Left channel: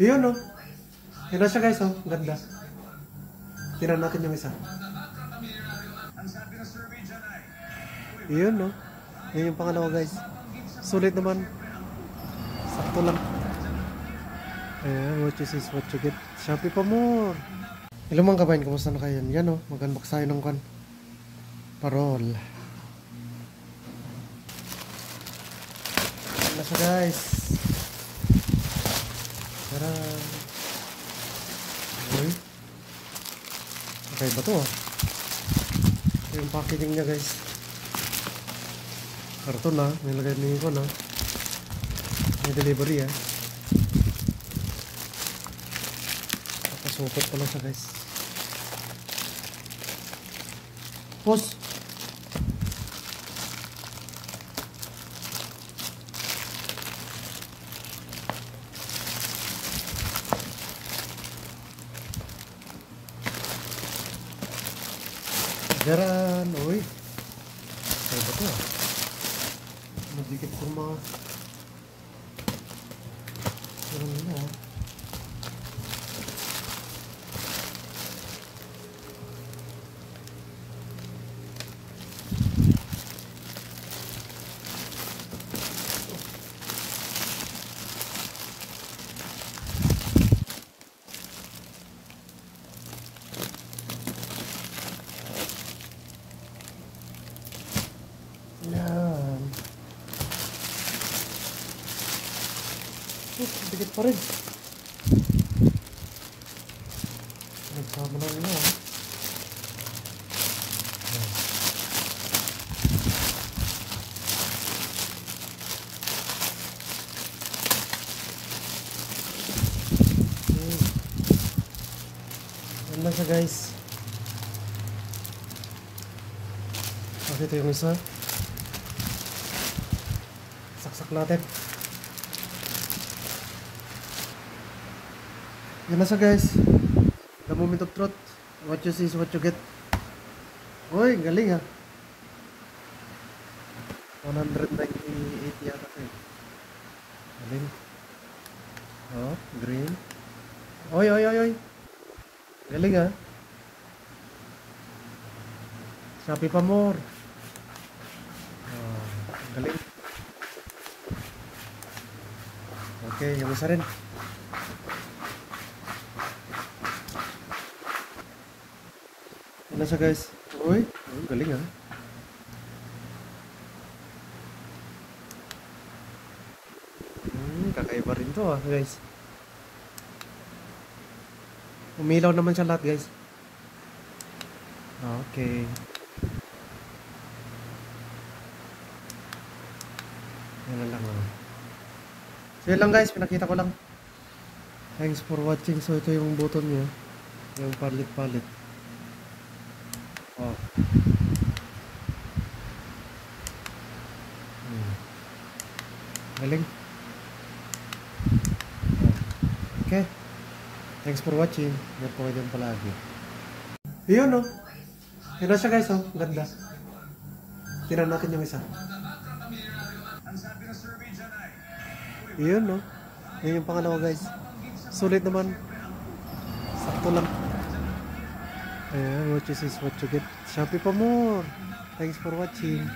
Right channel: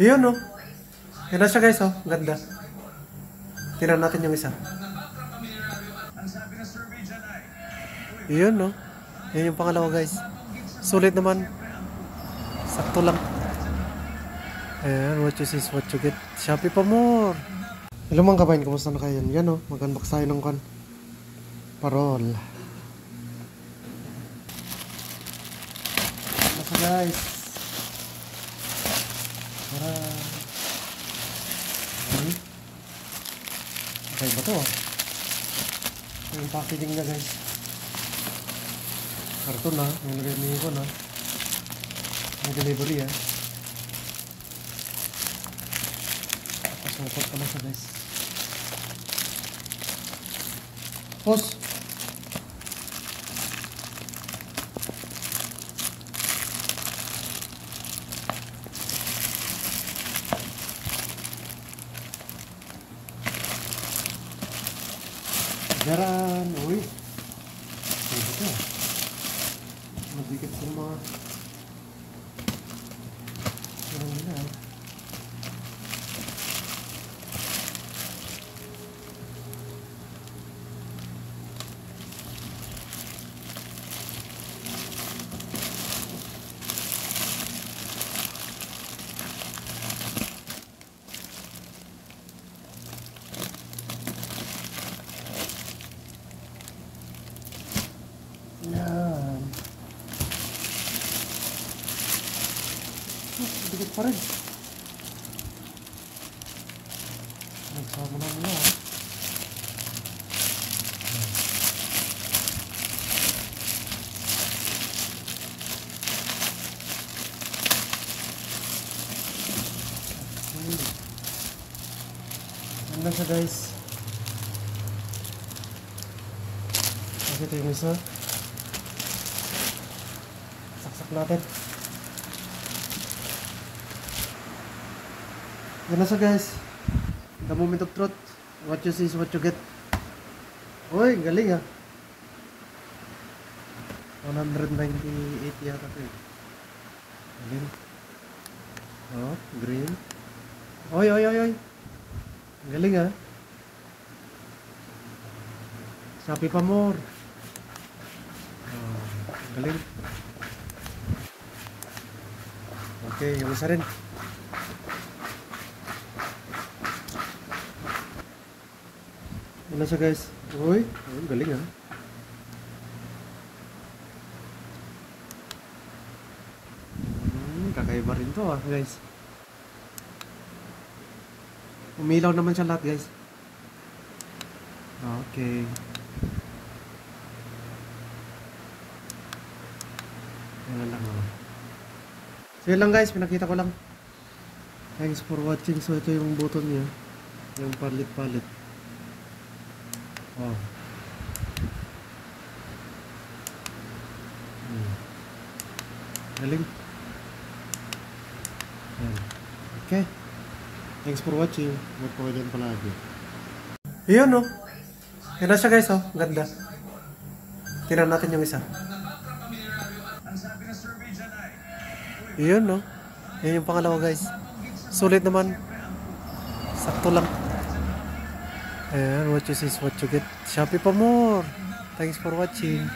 Yun, no? Yan na siya, guys, oh. Ganda. Tingnan natin yung isa. Yun, no? Yan yung pangalawa, guys. Sulit naman. Sakto lang. Ayan, what you see is what you get. Shopee pa more. Hello mga kabayan, kumusta na kayo? Yan, no? Mag-unbox tayo ng parol. Ano siya, guys? Tara. Okay ba ito? Ito yung packaging niya, guys. Karton na, nilagay ko na. May delivery, ah. Tapos mukot ka lang siya, guys. Push! Jaran, uy. Ay, ba ito? Magdikit ko mga yan. Bigat pa rin. Nagsama na nila, ha. Yan lang siya, guys. Kasi ito yung isa. Saksak natin. Yan na siya, guys. The moment of truth. What you see is what you get. Uy, galing, ha. 198 yata ito. Galing. Oh, green. Oy, oy, oy, oy. Galing, ha. Shopee pa more. Oh, galing. Okay, yung isa rin. Ano siya, guys? Uy, galing, ha. Kakaiba rin to, ha, guys. Umilaw naman siya lahat, guys. Okay. Yan lang, ha. So yun lang, guys, pinakita ko lang. Thanks for watching. So ito yung button niya, yung palit-palit. Wow. Galing. Okay. Thanks for watching. Huwag po kayo dyan palagi. Yun, no? Yan na siya, guys, oh. Ganda. Tingnan natin yung isa. Yun, no? Yan yung pangalawa, guys. Sulit naman. Sakto lang. Ayan, what you see is what you get. Shopee pa more. Thanks for watching.